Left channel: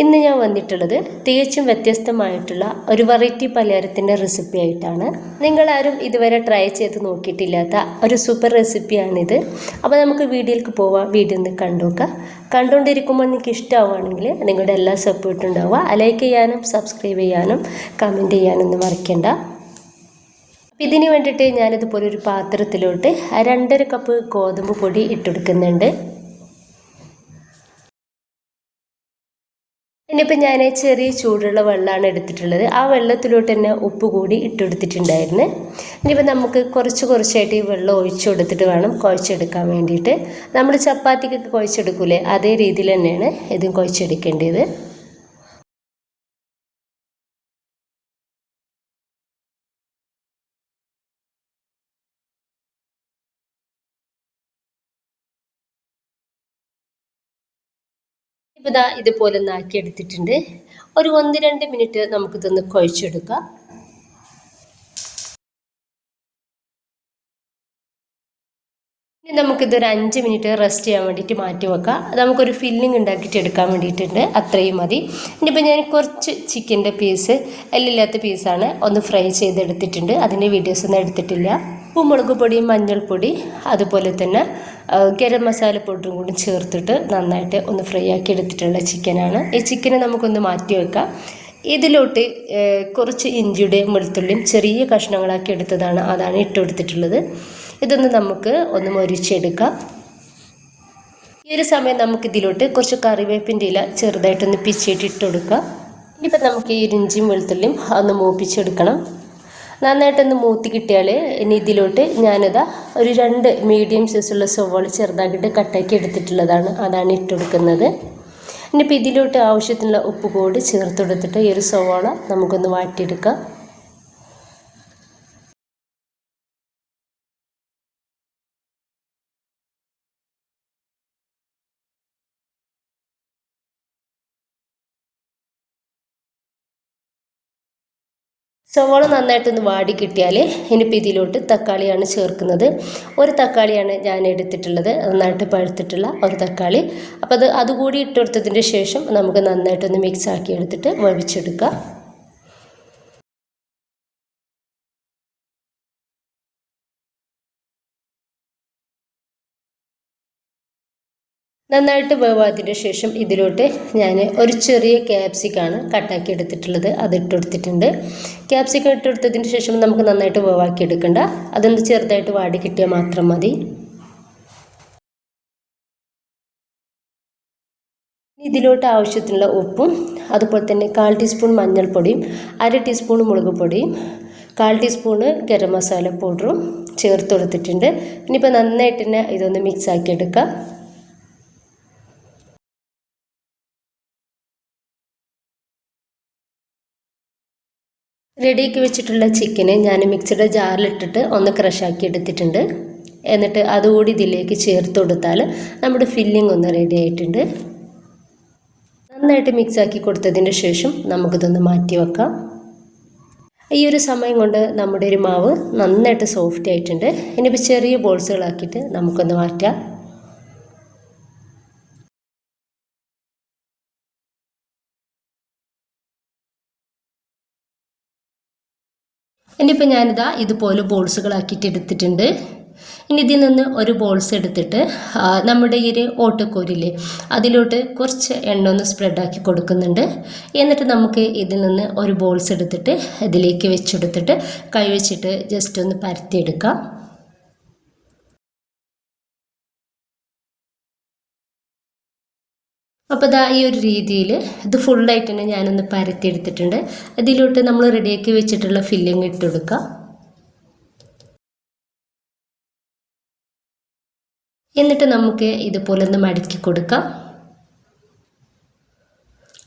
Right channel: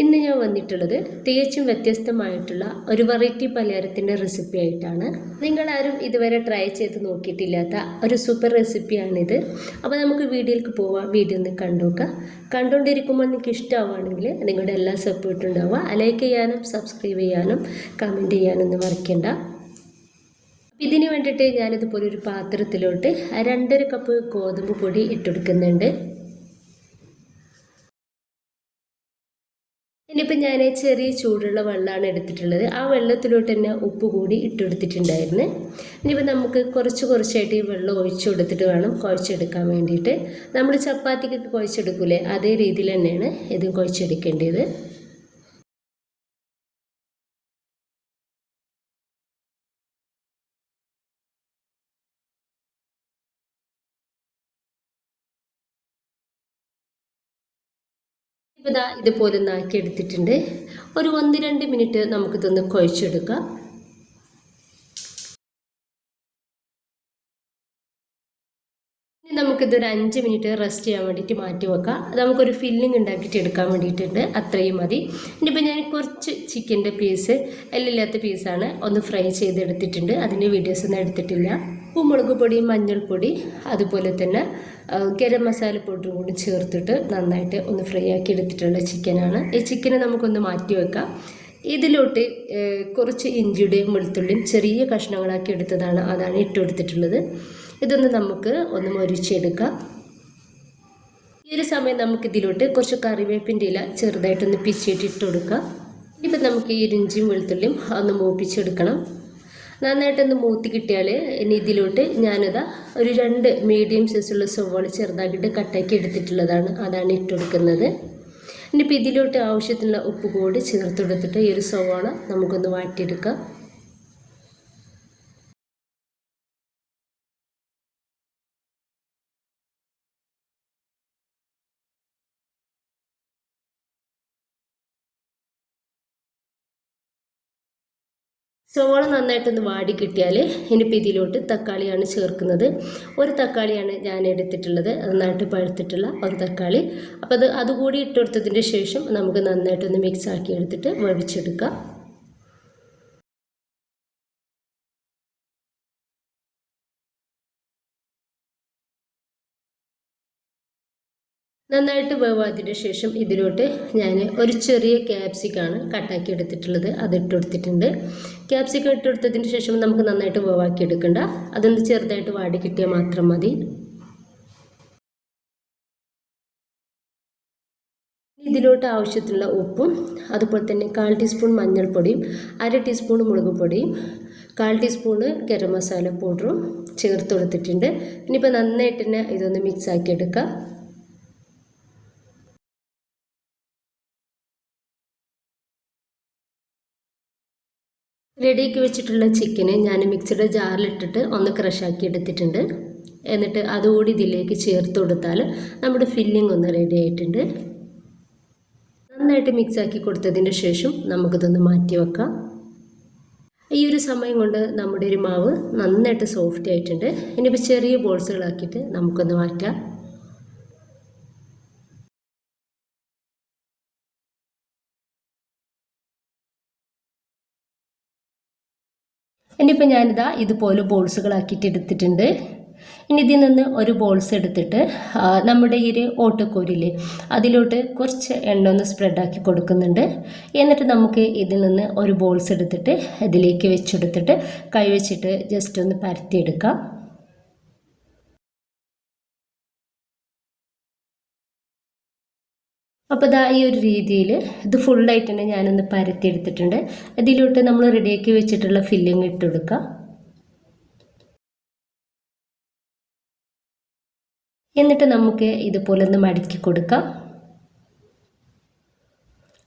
ഇന്ന് ഞാൻ വന്നിട്ടുള്ളത് തികച്ചും വ്യത്യസ്തമായിട്ടുള്ള ഒരു വെറൈറ്റി പലഹാരത്തിൻ്റെ റെസിപ്പി ആയിട്ടാണ്. നിങ്ങളാരും ഇതുവരെ ട്രൈ ചെയ്ത് നോക്കിയിട്ടില്ലാത്ത ഒരു സൂപ്പർ റെസിപ്പിയാണിത്. അപ്പോൾ നമുക്ക് വീഡിയോയിലേക്ക് പോവാം. വീഡിയോ ഒന്ന് കണ്ടുനോക്കാം. കണ്ടുകൊണ്ടിരിക്കുമ്പോൾ നിങ്ങൾക്ക് ഇഷ്ടമാവുകയാണെങ്കിൽ നിങ്ങളുടെ എല്ലാ സപ്പോർട്ടും ഉണ്ടാവുക. ലൈക്ക് ചെയ്യാനും സബ്സ്ക്രൈബ് ചെയ്യാനും കമൻറ്റ് ചെയ്യാനൊന്നും മറക്കണ്ട. ഇതിന് വേണ്ടിയിട്ട് ഞാനിതുപോലെ ഒരു പാത്രത്തിലോട്ട് 2.5 കപ്പ് ഗോതമ്പ് പൊടി ഇട്ടെടുക്കുന്നുണ്ട്. ഇനിയിപ്പോൾ ഞാൻ ചെറിയ ചൂടുള്ള വെള്ളമാണ് എടുത്തിട്ടുള്ളത്. ആ വെള്ളത്തിലോട്ട് തന്നെ ഉപ്പ് കൂടി ഇട്ടെടുത്തിട്ടുണ്ടായിരുന്നു. ഇനിയിപ്പോൾ നമുക്ക് കുറച്ചായിട്ട് ഈ വെള്ളം ഒഴിച്ചു കൊടുത്തിട്ട് വേണം കുഴച്ചെടുക്കാൻ വേണ്ടിയിട്ട്. നമ്മൾ ചപ്പാത്തിക്കൊക്കെ കുഴച്ചെടുക്കൂലേ, അതേ രീതിയിൽ തന്നെയാണ് ഇതും കുഴച്ചെടുക്കേണ്ടത്. ഇപ്പോൾ ഇതുപോലെ ഒന്ന് ആക്കി എടുത്തിട്ടുണ്ട്. ഒരു 1-2 മിനിറ്റ് നമുക്കിതൊന്ന് കുഴച്ചെടുക്കാം. ഇനി നമുക്കിതൊരു 5 മിനിറ്റ് റെസ്റ്റ് ചെയ്യാൻ വേണ്ടിയിട്ട് മാറ്റി വെക്കാം. നമുക്കൊരു ഫില്ലിംഗ് ഉണ്ടാക്കിയിട്ട് എടുക്കാൻ വേണ്ടിയിട്ടുണ്ട്, അത്രയും മതി. ഇനിയിപ്പോൾ ഞാൻ കുറച്ച് ചിക്കൻ്റെ പീസ്, എല്ലില്ലാത്ത പീസാണ്, ഒന്ന് ഫ്രൈ ചെയ്തെടുത്തിട്ടുണ്ട്. അതിൻ്റെ വീഡിയോസ് ഒന്നും എടുത്തിട്ടില്ല. ഉപ്പും മുളക് പൊടിയും മഞ്ഞൾപ്പൊടി അതുപോലെ തന്നെ ഗരം മസാല പൗഡറും കൂടി ചേർത്തിട്ട് നന്നായിട്ട് ഒന്ന് ഫ്രൈ ആക്കി എടുത്തിട്ടുള്ള ചിക്കനാണ്. ഈ ചിക്കനെ നമുക്കൊന്ന് മാറ്റി വെക്കാം. ഇതിലോട്ട് കുറച്ച് ഇഞ്ചിയുടെയും വെളുത്തുള്ളിയും ചെറിയ കഷ്ണങ്ങളാക്കി എടുത്തതാണ്, അതാണ് ഇട്ടുകൊടുത്തിട്ടുള്ളത്. ഇതൊന്ന് നമുക്ക് ഒന്ന് മൊരിച്ചെടുക്കാം. ഈ ഒരു സമയം നമുക്കിതിലോട്ട് കുറച്ച് കറിവേപ്പിൻ്റെ ഇല ചെറുതായിട്ടൊന്ന് പിച്ചിയിട്ട് ഇട്ട് കൊടുക്കാം. ഇനിയിപ്പോൾ നമുക്ക് ഈ ഇഞ്ചിയും വെളുത്തുള്ളിയും ഒന്ന് മൂപ്പിച്ചെടുക്കണം. നന്നായിട്ടൊന്ന് മൂത്തി കിട്ടിയാൽ ഇനി ഇതിലോട്ട് ഞാനിതാ ഒരു 2 മീഡിയം സൈസുള്ള സവോള ചെറുതാക്കിയിട്ട് കട്ടാക്കി എടുത്തിട്ടുള്ളതാണ്, അതാണ് ഇട്ട് കൊടുക്കുന്നത്. ഇനിയിപ്പോൾ ഇതിലോട്ട് ആവശ്യത്തിനുള്ള ഉപ്പ് കൂടി ചേർത്ത് കൊടുത്തിട്ട് ഈ ഒരു സവോള നമുക്കൊന്ന് വാട്ടിയെടുക്കാം. സവാള നന്നായിട്ടൊന്ന് വാടി കിട്ടിയാൽ ഇനിയിപ്പോൾ ഇതിലോട്ട് തക്കാളിയാണ് ചേർക്കുന്നത്. ഒരു തക്കാളിയാണ് ഞാൻ എടുത്തിട്ടുള്ളത്, നന്നായിട്ട് പഴുത്തിട്ടുള്ള ഒരു തക്കാളി. അപ്പോൾ അതുകൂടി ഇട്ടെടുത്തതിൻ്റെ ശേഷം നമുക്ക് നന്നായിട്ടൊന്ന് മിക്സ് ആക്കി എടുത്തിട്ട് വേവിച്ചെടുക്കാം. നന്നായിട്ട് വേവാതിന് ശേഷം ഇതിലോട്ട് ഞാൻ ഒരു ചെറിയ ക്യാപ്സിക്കാണ് കട്ടാക്കി എടുത്തിട്ടുള്ളത്, അത് ഇട്ടെടുത്തിട്ടുണ്ട്. ക്യാപ്സിക്കം ഇട്ടെടുത്തതിന് ശേഷം നമുക്ക് നന്നായിട്ട് വേവാക്കി എടുക്കണ്ട, അതൊന്ന് ചെറുതായിട്ട് വാടി കിട്ടിയാൽ മാത്രം മതി. ഇതിലോട്ട് ആവശ്യത്തിനുള്ള ഉപ്പും അതുപോലെ തന്നെ 1/4 ടീസ്പൂൺ മഞ്ഞൾപ്പൊടിയും 1/2 ടീസ്പൂൺ മുളക് പൊടിയും 1/4 ടീസ്പൂണ് ഗരം മസാല പൗഡറും ചേർത്ത് കൊടുത്തിട്ടുണ്ട്. ഇനിയിപ്പോൾ നന്നായിട്ട് തന്നെ ഇതൊന്ന് മിക്സ് ആക്കി എടുക്കാം. റെഡിയാക്കി വെച്ചിട്ടുള്ള ചിക്കന് ഞാൻ മിക്സിയുടെ ജാറിലിട്ടിട്ട് ഒന്ന് ക്രഷാക്കി എടുത്തിട്ടുണ്ട്. എന്നിട്ട് അതുകൂടി ഇതിലേക്ക് ചേർത്ത് കൊടുത്താൽ നമ്മുടെ ഫില്ലിംഗ് ഒന്ന് റെഡി ആയിട്ടുണ്ട്. നന്നായിട്ട് മിക്സാക്കി കൊടുത്തതിന് ശേഷം നമുക്കിതൊന്ന് മാറ്റി വെക്കാം. ഈ ഒരു സമയം കൊണ്ട് നമ്മുടെ ഒരു മാവ് നന്നായിട്ട് സോഫ്റ്റ് ആയിട്ടുണ്ട്. ഇനിയിപ്പോൾ ചെറിയ ബോൾസുകളാക്കിയിട്ട് നമുക്കൊന്ന് മാറ്റാം. ഇനിയിപ്പോൾ ഞാനിതാ ഇതുപോലെ ബോൾസുകളാക്കിയിട്ട് എടുത്തിട്ടുണ്ട്. ഇനി ഇതിൽ നിന്ന് ഒരു ബോൾസ് എടുത്തിട്ട് നമ്മുടെ ഈ ഒരു ഓട്ടക്കോരില്ലേ അതിലോട്ട് കുറച്ച് എണ്ണ ഒന്ന് സ്പ്രെഡാക്കി കൊടുക്കുന്നുണ്ട്. എന്നിട്ട് നമുക്ക് ഇതിൽ നിന്ന് ഒരു ബോൾസ് എടുത്തിട്ട് ഇതിലേക്ക് വെച്ചെടുത്തിട്ട് കൈ വെച്ചിട്ട് ജസ്റ്റ് ഒന്ന് പരത്തിയെടുക്കാം. അപ്പോൾ ഈ ഒരു രീതിയിൽ ഇത് ഫുള്ളായിട്ട് തന്നെ ഞാനൊന്ന് പരത്തിയെടുത്തിട്ടുണ്ട്. അതിലോട്ട് നമ്മൾ റെഡിയാക്കി വെച്ചിട്ടുള്ള ഫില്ലിങ് ഇട്ട് കൊടുക്കുക. എന്നിട്ട് നമുക്ക് ഇതുപോലെ ഒന്ന് മടക്കി കൊടുക്കാം.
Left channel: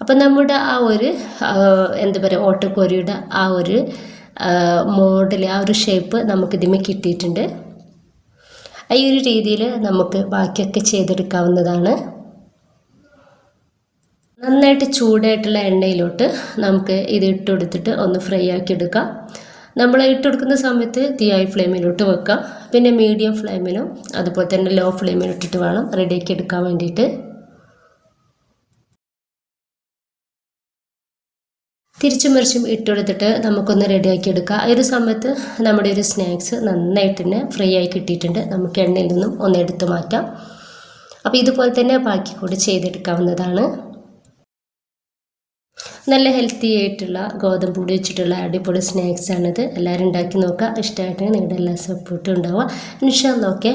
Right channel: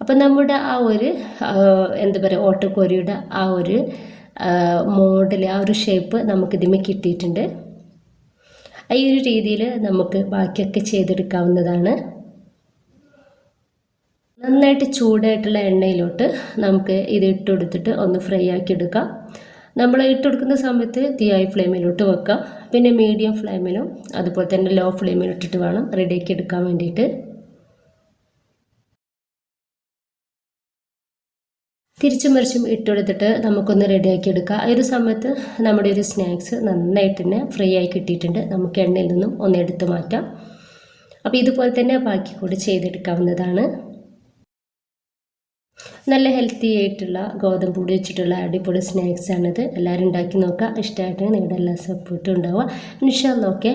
അപ്പം നമ്മുടെ ആ ഒരു എന്താ പറയുക ഓട്ടക്കോരിയുടെ ആ ഒരു മോഡൽ, ആ ഒരു ഷേപ്പ് നമുക്കിതിമേ കിട്ടിയിട്ടുണ്ട്. ഈ ഒരു രീതിയിൽ നമുക്ക് ബാക്കിയൊക്കെ ചെയ്തെടുക്കാവുന്നതാണ്. നന്നായിട്ട് ചൂടായിട്ടുള്ള എണ്ണയിലോട്ട് നമുക്ക് ഇത് ഇട്ട് കൊടുത്തിട്ട് ഒന്ന് ഫ്രൈ ആക്കി എടുക്കാം. നമ്മൾ ഇട്ട് കൊടുക്കുന്ന സമയത്ത് തീ ഹൈ ഫ്ലെയിമിലോട്ട് വെക്കാം. പിന്നെ മീഡിയം ഫ്ലെയിമിലും അതുപോലെ തന്നെ ലോ ഫ്ലെയിമിലിട്ടിട്ട് വേണം റെഡിയാക്കി എടുക്കാൻ വേണ്ടിയിട്ട്. തിരിച്ചും മറിച്ചും ഇട്ടുകൊടുത്തിട്ട് നമുക്കൊന്ന് റെഡിയാക്കി എടുക്കാം. ആ ഒരു സമയത്ത് നമ്മുടെ ഒരു സ്നാക്സ് നന്നായിട്ട് തന്നെ ഫ്രൈ ആയി കിട്ടിയിട്ടുണ്ട്. നമുക്ക് എണ്ണയിൽ നിന്നും ഒന്ന് എടുത്തു മാറ്റാം. അപ്പോൾ ഇതുപോലെ തന്നെ ബാക്കി കൂടി ചെയ്തെടുക്കാവുന്നതാണ്. നല്ല ഹെൽത്തി ആയിട്ടുള്ള ഗോതമ്പ് പൊടി വെച്ചിട്ടുള്ള അടിപൊളി സ്നാക്സാണിത്. എല്ലാവരും ഉണ്ടാക്കി നോക്കുക. ഇഷ്ടമായിട്ടുണ്ടെങ്കിൽ നിങ്ങളുടെ എല്ലാ സപ്പോർട്ടും ഉണ്ടാവുക. ഇൻഷാ അല്ലാഹ്. ഓക്കെ.